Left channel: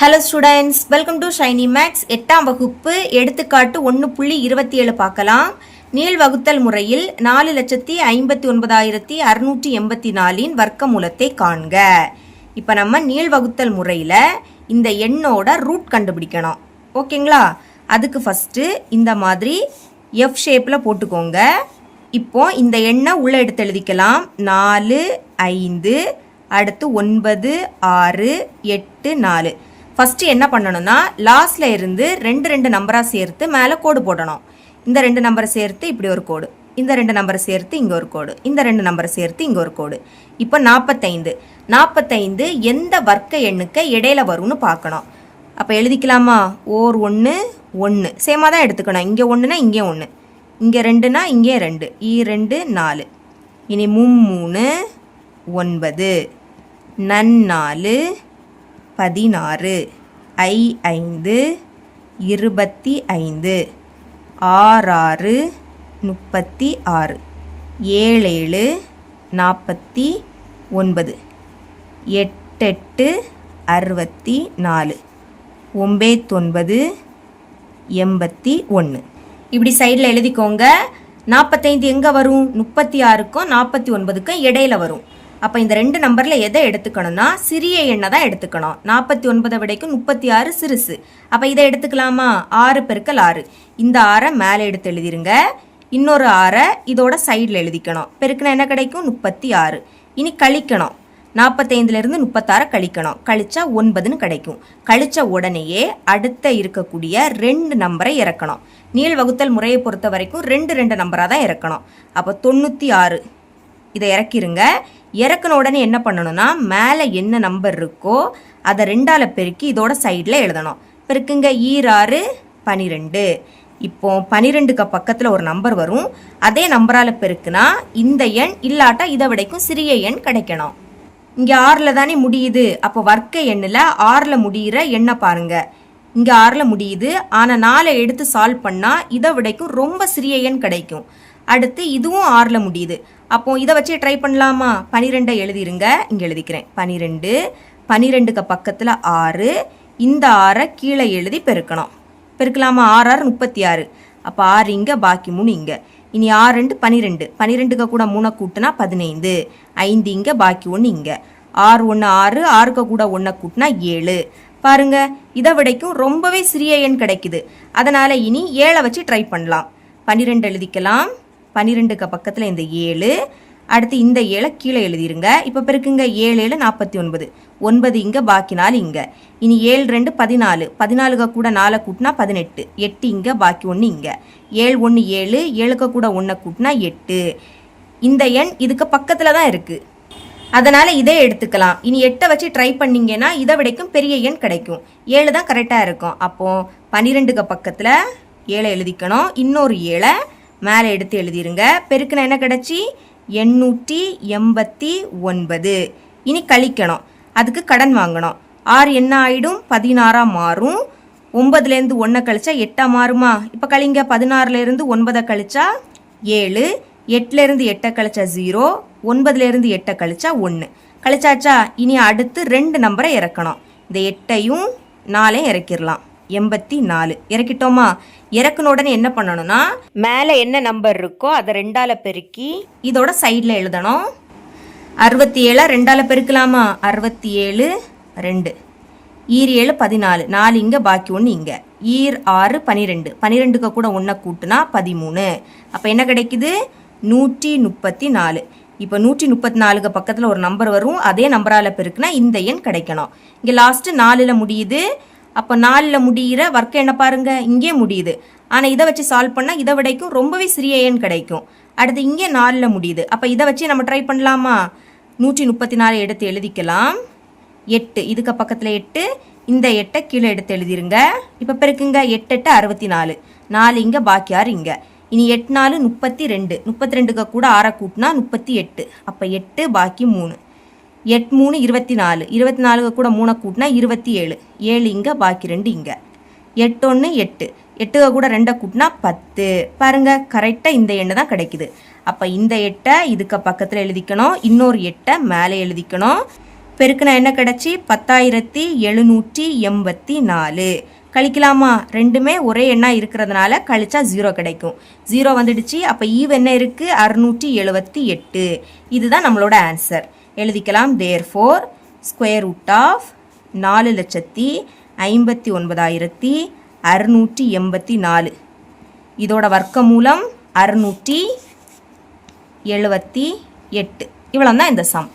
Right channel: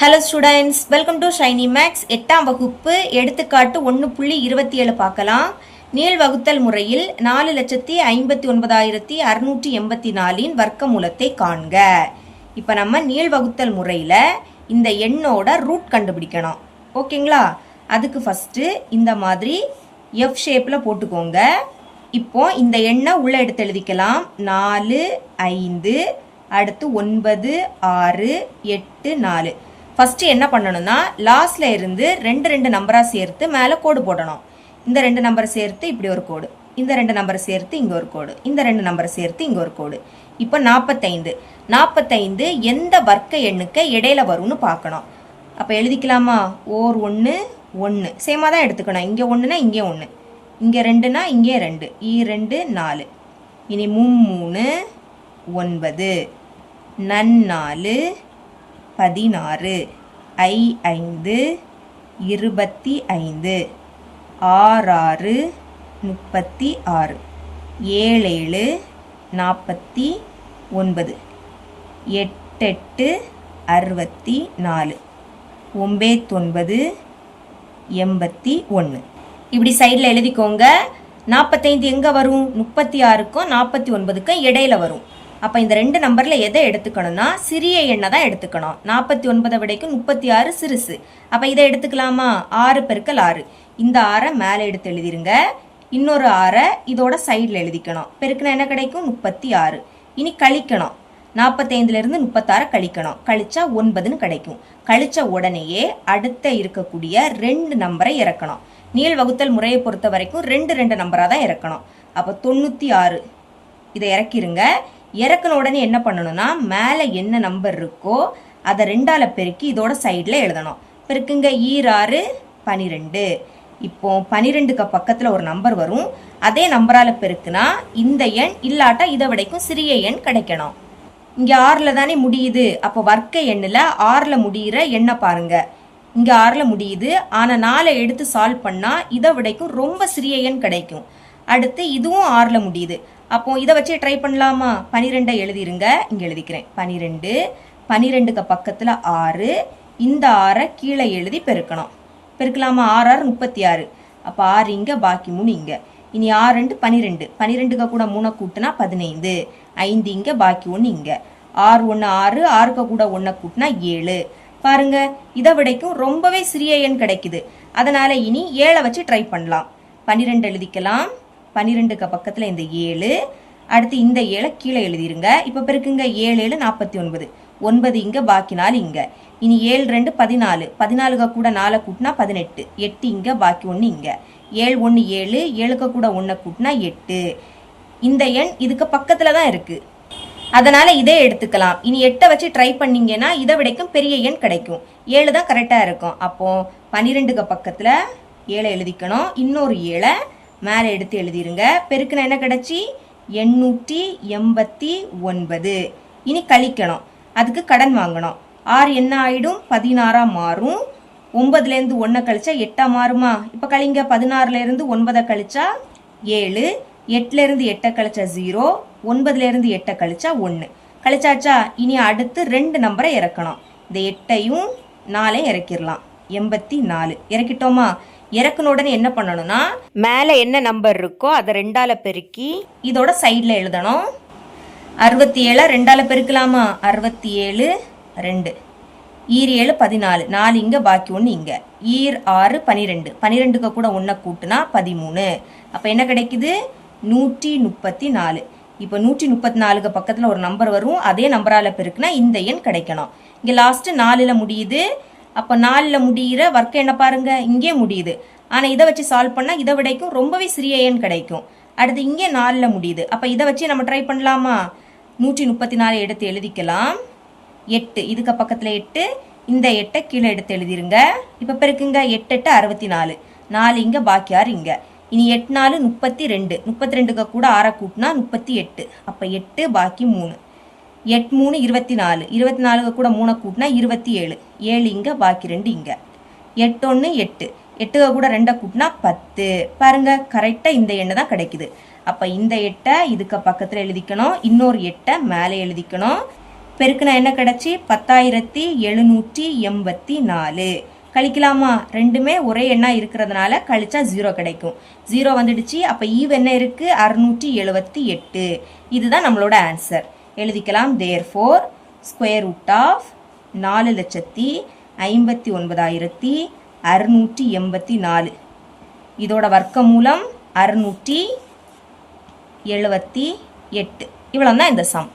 Hello students, welcome to Shiny Max. 8ஆம் வகுப்பு எடுத்துக்காட்டு 1.27 பார்க்கலாம். நீள் வகுத்தல் முறையில் 4,59,684 வர்க்கமூலத்தை காண்க. இப்போ நம்ம நீள் வகுத்தல் முறையில் இந்த எண்ணோட ரூட் கண்டுபிடிக்கணும். ஓகேங்களா? அதுக்கு ஃபஸ்ட்டு இந்த மாதிரி F ஷேப்பில் போட்டுக்கோங்க. இப்போ இந்த எண்ணை உள்ளே எடுத்து எழுதிக்கலாம். 4, 5, அடுத்து 9, 6, 8, 4. ஃபஸ்ட்டு என்ன பண்ணணும்னா லாஸ்ட்ல இருந்து ரெண்டு நம்பராக சேர்த்து மேலே கோடு போடணும். இந்த 2 நம்பரை சேர்த்து இப்படி ஒரு கோடு, இந்த 2 நம்பரை சேர்த்து இங்கே ஒரு கோடு, இந்த 2 நம்பரை சேர்த்து இங்கே ஒரு கோடு. இப்போ 45 எந்த வர்க்க எண்ணுக்கு இடையில வரும்னு பார்க்கணும். அப்போ எழுதிக்கலாமா? ஓர் 1 1 சேமாக தான் எடுத்துக்கணும். இங்கே 1னா இங்கே 1, இங்கே 2னா இங்கே 2, 2 4. இனி 3 9, 4 16, 5 25, 6 36, 7 49, 8 64, 9 81. இப்படி சைடில் எழுதிக்கோங்க. 45 எங்கே வரும்? 36க்கும் 49க்கும் இடையில வரும். அப்போ இந்த 2 நம்பரில் எதை எடுத்துக்கணும்னா சிறிய எண்ணை தான் எடுத்துக்கணும். 49 விடைக்கும் 36 சிறுசு. அப்போ இதை எடுத்துக்கலாமா? 6 பெருக்கல் 6. இந்த 6 மேலே எடுத்து எழுதிருங்க. இன்னொரு 6 இதோட சைடில் எழுதிக்கணும். பெருக்குனா என்ன கிடைக்கும்? 36. இனி கழிக்கணும். 45லேருந்து 36 கழிக்கணும். கழிச்சா 9ன்னு கிடைக்கும். கழிச்ச உடனேயே அடுத்த இருக்கக்கூடிய 2 நம்பரை இறக்கணும். நீள் வகுத்தல் முறையை பொறுத்த வரைக்கும் 2 நம்பராக தான் இறக்கணும். அப்போ 96 இதை இறக்கிருங்க. இறக்குன உடனே என்ன பண்ணணும்னா மேலே என்ன நம்பர் இருக்கோ அதை 2ஆல் பெருக்கி இதோட சைடில் எழுதணும். பெருக்குங்க. 6 12. இப்போ 12க்கு பக்கத்தில் ஒரு நம்பர் வரும். அதே நம்பரால் பெருக்குனா இந்த எண் இல்லாட்டா இதை விடைக்கும் சிறிய எண் கிடைக்கணும். இங்கே 6ல் தானே முடியுது. அப்போ வர்க்க எண்ணில் 6ல் முடிகிற எண்ணை பாருங்க. இங்கே 6ல் முடியுது. ஆனால் 4 எடுத்து சால்வ் பண்ணால் இதை விடைக்கும் ரொம்ப சிறிய எண் கிடைக்கும். அடுத்து இதுவும் 6ல் முடியுது. அப்போ இதை வச்சு ட்ரை பண்ணலாமா? 12 எழுதிருங்க. இங்கே எழுதிக்கிறேன். 12க்கு பக்கத்தில் 6. இந்த 6 கீழே எழுதி பெருக்கணும். பெருக்கலாமா? 6 36. அப்போ 6 இங்கே, பாக்கி 3 இங்கே. இனி 6 12. 12க்கு கூட 3 கூட்டினா 15. 5 இங்கே, பாக்கி 1 இங்கே. 6 1 6, 6க்கு கூட 1 கூட்டினா 7. பாருங்க, இதை விடைக்கும் ரொம்பவே சிறிய எண் கிடைக்குது. அதனால இனி 7 வச்சு ட்ரை பண்ணலாம். 12 எழுதிக்கலாம். 12க்கு பக்கத்தில் இந்த 7. அடுத்து இந்த 7 கீழே எழுதிருங்க. இப்போ பெருக்குங்க. 7 7 49. 9 இங்கே, பாக்கி 4 இங்கே. இனி 7 2 14. 14க்கு கூட 4 கூட்டினா 18. 8 இங்கே, பாக்கி 1 இங்கே. 7 1 7. 7க்கு கூட 1 கூட்டினா 8. இந்த எண் இதுக்கு பக்கத்தில் தான் இருக்கு. அதனால இதை எடுத்துக்கலாம். இனி 8 வச்சு ட்ரை பண்ணீங்கன்னா இதை விடைக்கும் பெரிய எண் கிடைக்கும். 7 தான் கரெக்டாக இருக்கும். அப்போ 12க்கு பக்கத்தில் 7 எழுதிக்கணும். இன்னொரு 7 மேலே எடுத்து எழுதிருங்க. பெருக்குனா என்ன கிடைச்சி? 889. இனி கழிக்கணும். அதுக்கு கடன் வாங்கணும். 6 என்ன ஆயிடும்? 16 மாறும். 9லேருந்து 1 கழிச்சா 8 மாறுமா? இப்போ கழிங்க. 16லேருந்து 9 கழிச்சா 7. 8லேருந்து 8 கழிச்சா 0. 9லேருந்து 8 கழிச்சா 1. கழிச்சாச்சா? இனி அடுத்து 2 நம்பரை இறக்கணும். இந்த 8ஐயும் 4ஐயும் இறக்கிடலாம். 84 இறக்கிட்டோமா? இறக்குன உடனே என்ன பண்ணணும்னா மேலே என்ன நம்பர் இருக்கோ அதை 2ஆல் பெருக்கி இதோட சைடில் எழுதணும். 67 2ஆல் பெருக்கலாமா? 67 2. 7 14. 4 இங்கே, பாக்கி 1 இங்கே. 6 12. 12க்கு கூட 1 கூட்டினா 13. அப்போ என்ன கிடைக்குது? 134. இப்போ 134க்கு பக்கத்தில் ஒரு நம்பர் வரும். அதே நம்பரால் பெருக்குனா இந்த எண் கிடைக்கணும். இங்கே லாஸ்ட்டு 4ல் முடியுது. அப்போ 4ல் முடிகிற வர்க்க எண்ணை பாருங்க. இங்கே முடியுது. ஆனால் இதை வச்சு சால்வ் பண்ணால் இதை விடைக்கும் ரொம்பவே சிறிய எண் கிடைக்கும். அடுத்து இங்கே 4ல் முடியுது. அப்போ இதை வச்சு நம்ம ட்ரை பண்ணலாமா? 134 எடுத்து எழுதிக்கலாம். 8 இதுக்கு பக்கத்தில் 8. இந்த 8 கீழே எடுத்து எழுதிருங்க. இப்போ பெருக்குங்க. 8 8 64. 4 இங்கே, பாக்கி 6 இங்கே. இனி 8 4 32. 32க்கு கூட 6 கூட்டினா 38. அப்போ 8 பாக்கி 3. 8 3 24. 24க்கு கூட 3 கூட்டினா 27. 7 இங்கே, பாக்கி 2 இங்கே. 8 1 8. 8க்கு கூட 2 கூட்டினா 10. பாருங்க, கரெக்டாக இந்த எண்ணை தான் கிடைக்குது. அப்போ இந்த 8 இதுக்கு பக்கத்தில் எழுதிக்கணும். இன்னொரு 8 மேலே எழுதிக்கணும். பெருக்குனா என்ன கிடச்சி 10,784. கழிக்கலாமா? ரெண்டுமே ஒரே எண்ணா இருக்கிறதுனால கழிச்சா 0 கிடைக்கும். 0 வந்துடுச்சு. அப்போ ஈவ் என்ன இருக்கு? 678. இதுதான் நம்மளோட ஆன்சர். எழுதிக்கலாம். Therefore square root of 4,59,684. இதோட வர்க்க மூலம் 678. இவ்வளோ தான் இந்த சம்.